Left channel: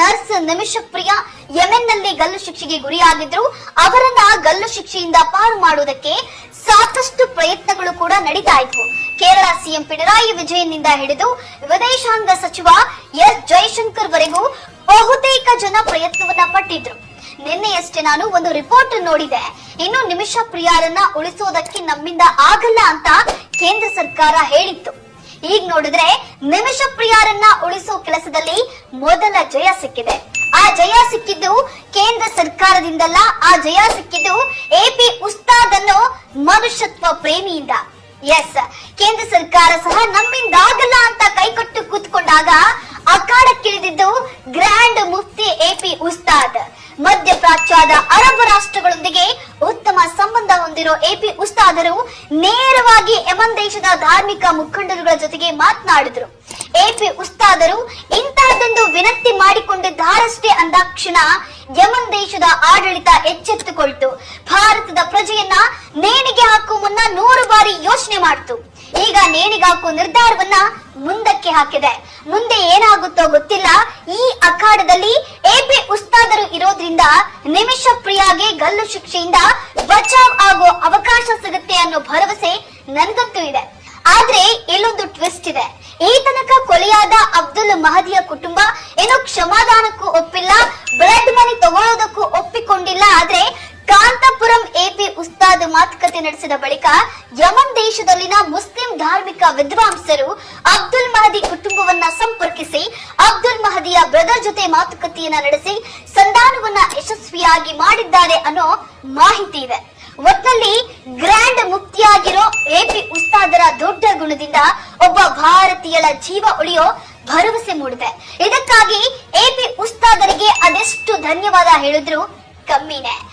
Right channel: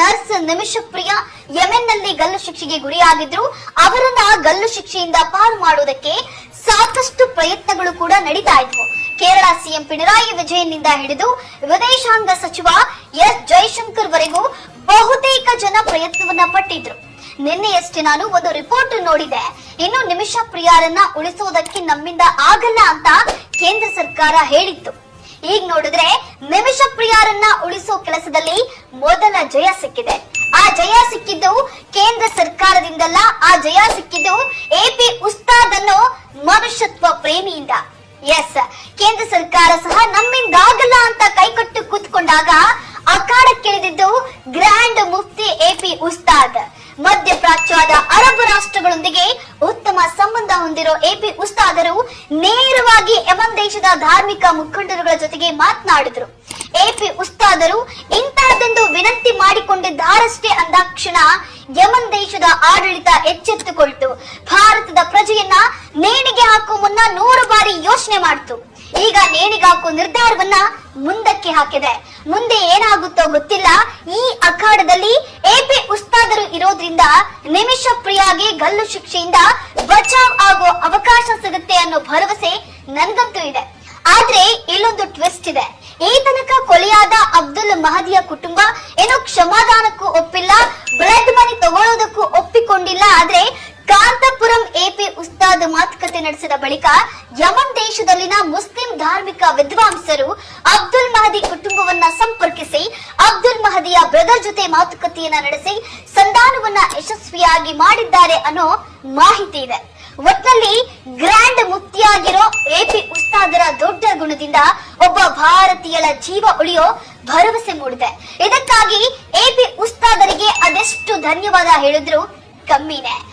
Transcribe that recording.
Nurse ನಿಮಿಷಕ್ Priya ಯಮೆನ್ನಲ್ಲಿ ಗಲ್ಲು ಶಿಕ್ಷೆಗೆ ಗುರಿಯಾಗಿದ್ರು. ಅವರನ್ನ ಗಲ್ಲು ಶಿಕ್ಷೆಯಿಂದ ಪಾರು ಮಾಡುವುದಕ್ಕೆ ಸಾಕಷ್ಟು ಪ್ರಯತ್ನಗಳು ಕೂಡ ನಡೀತಾ ಇದ್ವು ಕೇರಳ ಸಿಎಂ ಪಿಣರಾಯಿ ವಿಜಯನ್ನಿಂದ ಹಿಡಿದು ವಿದೇಶಾಂಗ ಸಚಿವ ಎಸ್ ಜೈಶಂಕರ್ ವರೆಗೂ ಬಹುತೇಕ ಜನ ಪ್ರಯತ್ನವನ್ನ ಪಟ್ಟಿದ್ರು. ನಿನ್ನೆಯಷ್ಟೇ ನಾನು ಒಂದು ರಿಪೋರ್ಟ್ ನೋಡಿದೆ. ಇನ್ನು ನಿಮಿಷ ಪ್ರಿಯಾರನ್ನ ಉಳಿಸುವುದಕ್ಕೆ ನಮ್ಮಿಂದ ಆಗಲ್ಲ ಅಂತ ಕೇಂದ್ರ ಸರ್ಕಾರ ಹೇಳಿತ್ತು. ಈಗ ನೋಡಿದ್ರೆ ನಿಮಿಷ ಪ್ರಿಯರನ್ನ ಉಳಿಸೋ ಕೆಲಸದಲ್ಲಿ ಮೊದಲ ಜಯ ಸಿಕ್ಕಿದೆ. ಆ ಜಯ ಸಿಕ್ಕಿದ್ದು ಕೇಂದ್ರ ಸರ್ಕಾರದಿಂದಲ್ಲ, ಆ ಜಯ ಸಿಕ್ಕಿದ್ದು ಎಪಿ ಉಸ್ತಾದ್ ಅನ್ನೋ ಮನುಷ್ಯತ್ವ ಪ್ರೇಮಿಯಿಂದ. ಎಸ್ ಕೇಂದ್ರ ಸರ್ಕಾರ ಸಹ ನಮ್ಮಿಂದಾಗಲ್ಲ ಅಂತ ಕೈಕೊಟ್ಟು ಕೂತ್ಕೊಂಡಾಗ ಅಖಾಡಕ್ಕಿಳಿದಿದ್ದು ಗ್ರ್ಯಾಂಡ್ ಮುಫ್ತಿ ಎಪಿ ಉಸ್ತಾದ್. ಮಧ್ಯಪ್ರಾಚ್ಯದ ಅರಬ್ ರಾಷ್ಟ್ರಗಳೊಂದಿಗೆ ಉತ್ತಮ ಸಂಬಂಧ ಹೊಂದಿರೋ ಎಪಿ ಉಸ್ತಾದರು ನೇರವಾಗಿ ಯಮನ್ ದೇಶದ ಧಾರ್ಮಿಕ ಮುಖಂಡರುಗಳ ಜೊತೆಗೆ ಮಾತನಾಡಿದ್ರು. ಎಪಿ ಉಸ್ತಾದರು, ಇಂತಹದೊಂದು ವಿನಂತಿ ಮಾಡಿಕೊಂಡಿದ್ದಾರಷ್ಟೇ ಅಂದಾಕ್ಷಣ ಯಮನ್ ದೇಶದ ಆಡಳಿತ ಎಚ್ಚೆತ್ತುಕೊಳ್ತು. ಭಾರತದ ಪ್ರಜೆಯನ್ನ ನೇಣಿಗೆ ಹಾಕುವ ಮುನ್ನ ನೂರು ಬಾರಿ ಯೋಚನೆ ಮಾಡ್ತು. ಈಗ ನೇಣಿಗೆ ಹಾಕೋ ನಿರ್ಧಾರವನ್ನ ಮುಂದಕ್ಕೆ ಹಾಕಿದೆ. ಮುಂದೆ ಏನಾಗುತ್ತೋ ಗೊತ್ತಿಲ್ಲ. ಈ ಅಖಾಡದಲ್ಲಿ ಎಪಿ ಉಸ್ತಾದರು ಇರೋದ್ರಿಂದ ನಿಮಿಷ ಪ್ರಿಯಾಗೆ ಗಲ್ಲು ಶಿಕ್ಷೆಯಿಂದ ಬಚಾವ್ ಆಗೋ ಅವಕಾಶ ಸಿಗುತ್ತೆ ಅನ್ನೋ ಭರವಸೆ ನಂದಂತೂ ಇದೆ. ಆದ್ರೆ ಇಲ್ಲೊಂದು ಟ್ವಿಸ್ಟ್ ಇದೆ. ಈ ತನಕ ಕೊಲೆಯಾದ ಅಬ್ದುಲ್ ಮಹದಿಯ ಕುಟುಂಬ ಮಾತುಕತೆ ನಡೆಸಿದ ಬಳಿಕ ಯಮನ್ ದೇಶದಲ್ಲಿನ ಮುಸ್ಲಿಂ ಧಾರ್ಮಿಕ ವಿದ್ವಾಂಸರು ಅಬ್ದುಲ್ ಮಹದಿ ಕುಟುಂಬವನ್ನ ಸಂಪರ್ಕಿಸಿ ಅಬ್ದುಲ್ ಮಹದಿಯ ಬ್ರದರ್ ಜೊತೆ ಮಾತುಕತೆಯನ್ನ ನಡೆಸಿ ಸಂಧಾನವನ್ನ ಯಶಸ್ವಿಯಾಗಿ ಮಾಡಿದ್ದಾರೆ ಅನ್ನೋ ಮಾಹಿತಿ ಇದೆ. ಒಟ್ನಲ್ಲಿ ಗ್ರ್ಯಾಂಡ್ ಮುಕ್ತಿಯಾಗಿರೋ ಎಪಿ ಉಸ್ತಾದರ ದೊಡ್ಡ ಗುಣದಿಂದ ಒಬ್ಬ ಭಾರತೀಯಳ ಜೀವ ಉಳಿಯೋ ಭರವಸೆ ಮೂಡಿದೆ. ಇದಕ್ಕಾಗಿ ಎಪಿ ಉಸ್ತಾದರಿಗೆ ಅದೆಷ್ಟು ಧನ್ಯವಾದ ಹೇಳಿದ್ರು ಕಮ್ಮಿನೇ.